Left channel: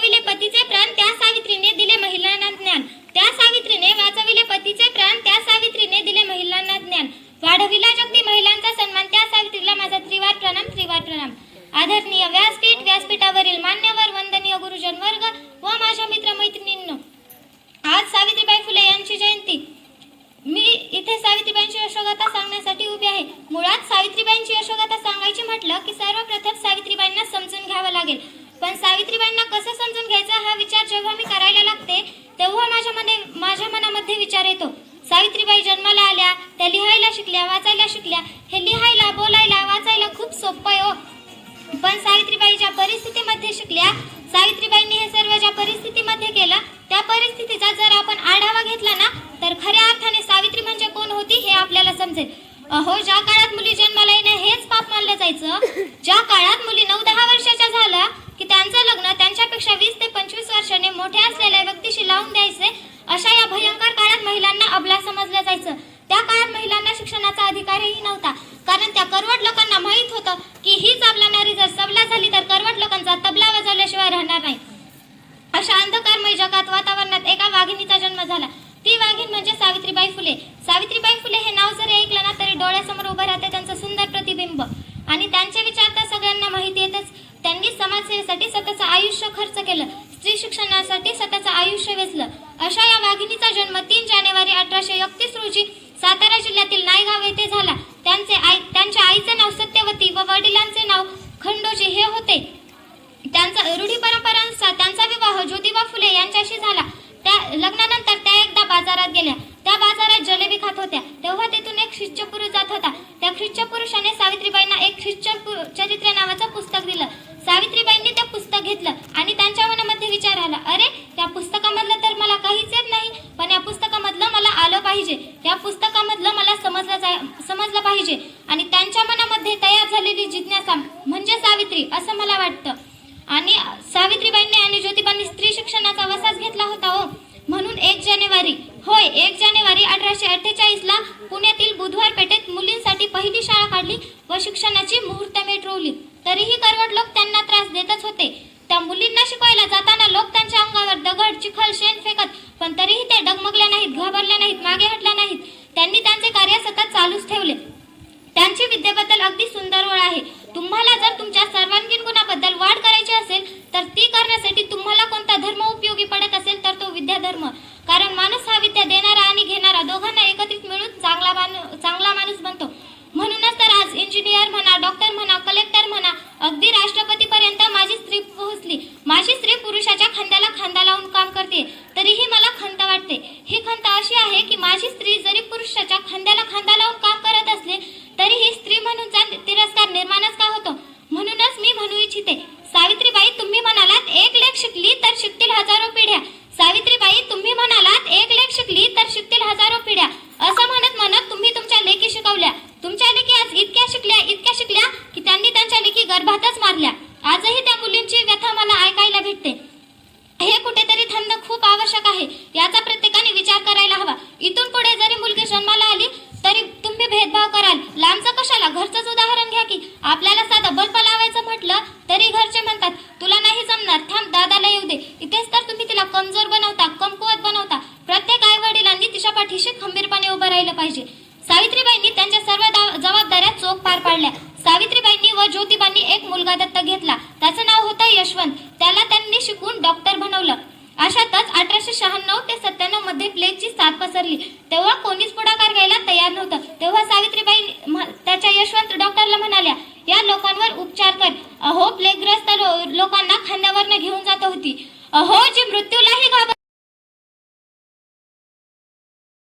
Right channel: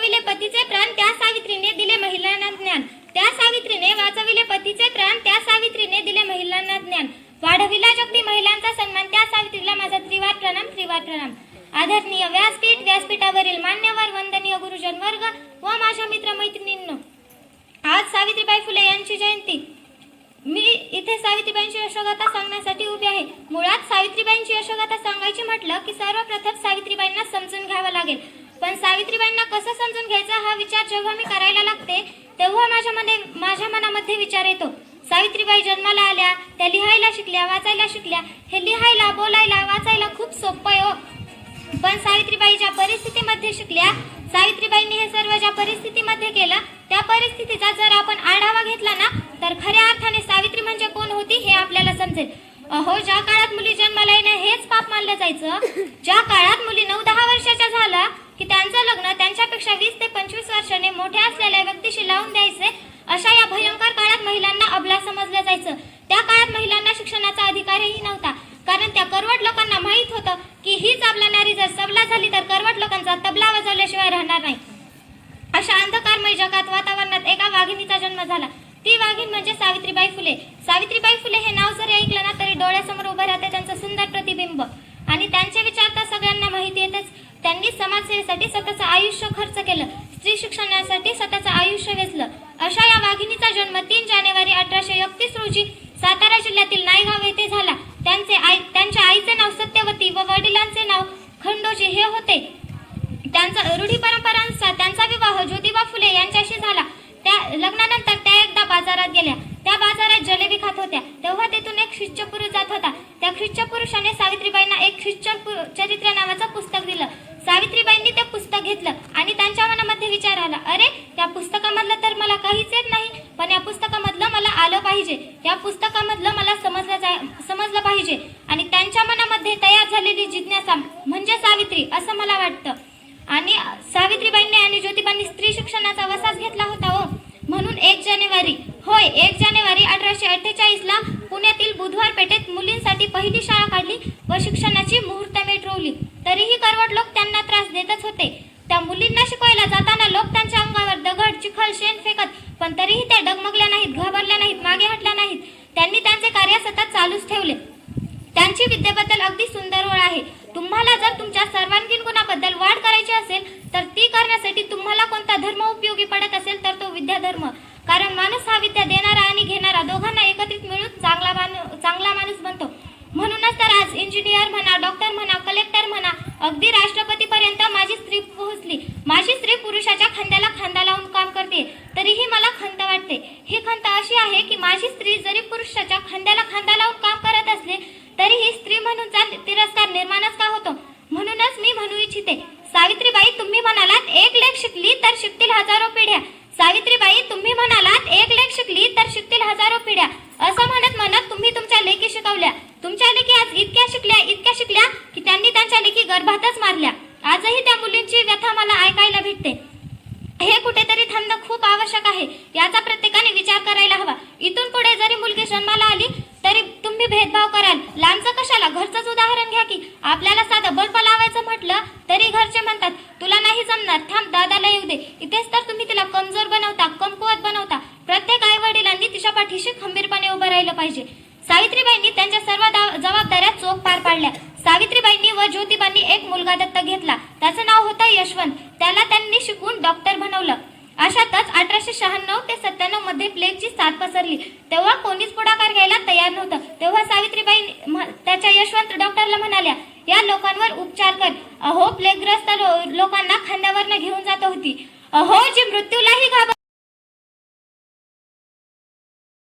वाचविले पतीचे प्राण त्या सावित्रीने दिले महिलांना ज्ञान. त्या सावित्रीने वाचविले पतीचे प्राण त्या सावित्रीने दिले महिलांना ज्ञान. वाढविला जगती महिलांचा सन्मान त्या सावित्रीला माझा त्रिवार प्रणाम त्रिवार प्रणाम. आदरणीय व्यासपीठ व्यासपीठावरील मान्यवर वंदनीय गुरुजन वर्ग व माझ्या मित्र मैत्रिणींनो आज सावित्रीबाई फुले यांची जयंती. मी इथे सावित्रीबाईंची यशोगाथा सांगण्यासाठी उभी आहे. मुळात सावित्रीबाईंची यशोगाथा सांगायची म्हटलं की सर्वप्रथम सावित्रीबाईंना समजून घ्यावं लागेल. पण सावित्रीबाईंना कसं समजून घ्यायचा? हा विचार जेव्हा मी करायला लागते तेव्हा माझ्या मध्ये माझ्या मनामध्ये विचार येतो. सावित्रीबाई जन्माला आल्या त्या लिहायला शिकल्या वाचायला शिकल्या. हे लिहायला बोलायला वाचायला खूप सोपं आहे हो. पण सावित्रीबाई ज्या परिस्थितीमध्ये शिकल्या सावित्रीबाईंनी हे सर्व ज्या परिस्थितीमध्ये केलं त्या परिस्थितीचा जर आपण आढावा घेतला ना तर खऱ्या अर्थाने सावित्री म्हणजे कोण होती हे आपल्याला समजेल. अहो ज्या काळात मुली जन्माला येणं हेच पाप मानलं जायचं. ज्या काळात की त्यांचं लग्न त्यांच्यापेक्षा वीस ते पंचवीस वर्षाने मोठ्या असलेल्या व्यक्तीशी लावून द्यायचे अशा या भयंकर काळात महिलांना अबला समजलं जायचं. त्या काळात महिलांना शिक्षणाचा अधिकारही नव्हता. कारण त्या करवट लोकांना माहीत होतं की हीच आपला नारी जर सबला झाली तर करवट लोकांचा तबला वाजवल्याशिवाय राहणार नाही. अशा अंधकारमय जगात वातावरणात एका वाघिणीचा जन्म झाला. ती वाघीण म्हणजे सावित्रीबाई फुले. सावित्री फुले हे नाव जरी ऐकलं ना तरी डोळ्यासमोर उभं राहते त्यांचं सुंदर प्रतिबिंब आणि त्यांचे विचार तर सगळ्यांना माहिती येतेच त्यांनी समाजसेवेसाठी स्वतःचं आयुष्य खर्च केलं. स्त्री शिक्षणासाठी स्वतःचं आयुष्य वेचलं. अशा या वाघिणीचा जन्म तीन जानेवारी अठराशे एकतीस रोजी सातारा जिल्ह्यातील नायगाव येथे झाला. त्यांचे आई त्यांच्या आईचे नाव सत्यवती व वडिलांचे नाव खंडोजी हे होते. त्यांचा रूढी परंपरांचा त्यांचा विवाह ज्योतिबा फुले यांच्याशी झाला. त्या लग्नानंतर त्या एकदा बाजारात गेल्या. त्या बाजारात जलेबी खात होत्या. तेव्हा तेथून एक ख्रिश्च पुरुष जात होता. त्या ख्रिश्च पुरुषाने सावित्रीबाईंना एक ख्रिश्चन चरित्र नावाचं पुस्तक दिलं. सावित्रीबाईंनी ते पुस्तक घेतलं आणि त्यांच्या मनामध्ये विचार आला अरे या पुस्तकामधलं तर मला काहीच येत नाही पण या पुस्तकामधलं मला आलं पाहिजे. या पुस्तकामधलं मला समजलं जाय समजलं पाहिजे. आणि त्यांच्या मनामध्ये तयार झालेली जिज्ञासा म्हणजे सावित्री असं मला वाटतं. आणि सावित्रीबाईंनी आणि ज्योतिबांनी स्त्री शिक्षणाचा वसाच घेतला होता हो. म्हणून एक जानेवारी होय एक जानेवारी अठराशे अठ्ठेचाळीस ला पुण्यातील बुधवार पेठेत मुलींसाठी पहिली शाळा काढली व शिक्षणाची मुहूर्त रोवली तरीही करवट लोक त्यांना त्रास देतच होते. त्या मुलींना शिकवायला जाताना लोक त्यांच्या अंगावर दगड चिखल शेण फेकत पण तरीही त्या डगमगल्या नाहीत घाबरल्या नाहीत मागे हटल्या नाहीत. त्यांनी त्यांचे कार्य सतत चालूच ठेवले. त्यांची विद्येबद्दल अगदी सुंदर ओळ आहे. तुम्हाला जर तुमच्या सर्वांगीण गुणाबद्दल वाढ करायची असेल तर ती करण्यासाठी तुम्हाला कोणता धर्म उपयोगी पडत असेल तर तो विद्याधर्म. कारण माणूस हा विद्या देणारा आणि घेणारा दोघांना एकत्रित मिळून चांगला माणू- चांगला माणूस बनतो. म्हणूनच तर आज इंजिनियर म्हणा डॉक्टर म्हणा कलेक्टर म्हणा अगदी राष्ट्रपतीपर्यंत माझी स्त्री पोहोचली. माझी स्त्री पुरुषाच्या खांद्याला खांदा लावून काम करते. तरीही मला खंत वाटते. ही खंत अशी आहे की माझी स्त्री जरी पुरुषाच्या खांद्याला खांदा लावून काम करत असले तरीही स्त्री म्हणूनचा तिरस्कार निर्माणच का होतो? म्हणूनच मी म्हणू इच्छिते सावित्रीबाई तुम्ही म्हणालात एक लेख शिकली तर शिकतील हजारो पिढ्या. सावित्रीबाई तुम्ही म्हणालात एक लेख शिकली तर शिकतील हजारो पिढ्या. असं म्हणत म्हणत तुम्ही तुमच्या लेखी शिकवल्या. तुमच्या लेखी आज इतक्या शिकल्या इतक्या शिकल्या की त्यांनी त्यांच्या लेखी गर्भातच मारल्या. आजही त्या मुलींची व्यथा मला ऐकायला भेटते. हे कुठेतरी थांबणं खूप आवश्यक आहे. याचा प्रत्येकाने विचार करायला हवा. इथून पुढे जरी मुलगी जन्माला आली तरी तुम्ही भेदभाव कराल. लांबचं कशाला? घरचंच उदाहरण घ्या की. आपल्याला साधं बल्ब लावायचं म्हटलं तरी घरचे म्हणतात तुला नाही जमणार. थांब दादाला येऊ दे. इथेच तर तुम्ही तिला कमजोर बनवता कमकुवत बनवता. प्रत्येक आई वडिलांनी तिच्या पाठीशी खंबीरपणे उभं राहिलं पाहिजे. सावित्रीबाईंनी त्यांच्या सर्व जबाबदाऱ्या चोख पार पाडल्या. सावित्रीबाईंनी व ज्योतिबांनी एक मुलगा दत्त घेतला. त्याचं नाव होतं यशवंत. त्याला त्यांनी शिकून डॉक्टर बनवलं. अशातच अठराशे शहाण्णव ते सत्त्याण्णवमध्ये प्लेगची साथ पसरली. तेव्हा कोणीच पुढाकार घ्यायला तयार नव्हतं. तेव्हा सावित्रीबाई म्ह- त्याच्या यशवंत डॉक्टरला म्हणाल्या या लोकांवर उपचार कर. अहो प्लेगग्रस्त लो- लोकांना खांद्यावरनं घेऊन जात होती. अहो जी मृत्यूलाही घाबर